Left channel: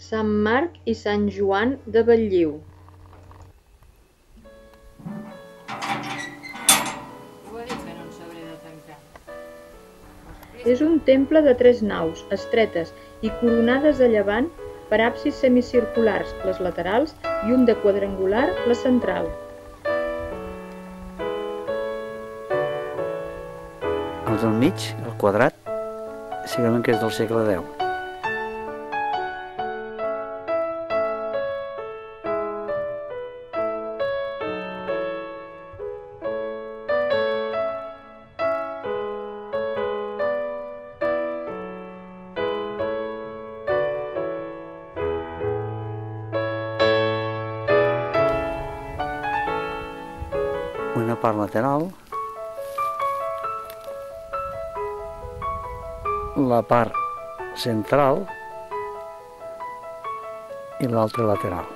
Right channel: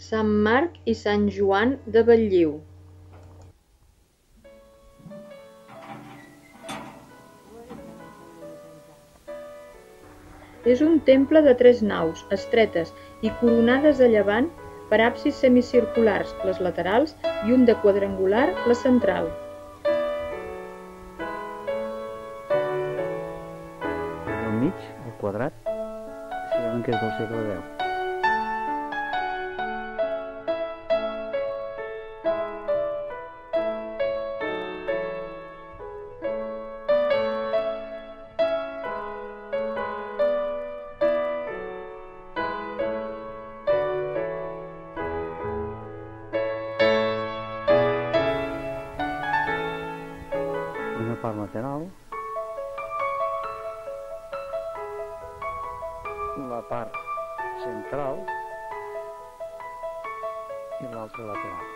Sant Marc i Sant Joan de Belliu. És un temple de 3 naus, estretes i coronades a llevant per absis semicirculars, les laterals, i un de quadrangular, la central. El del mig, el quadrat, segurament que és del segle X. Una part lateral, la part central i l'altra lateral.